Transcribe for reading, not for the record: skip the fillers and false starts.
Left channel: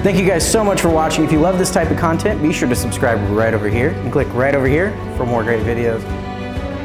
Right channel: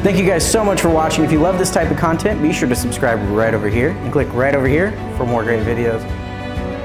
Thank you guys so much for watching. If you love this type of content, be sure to subscribe right over here and click right over here for more great videos.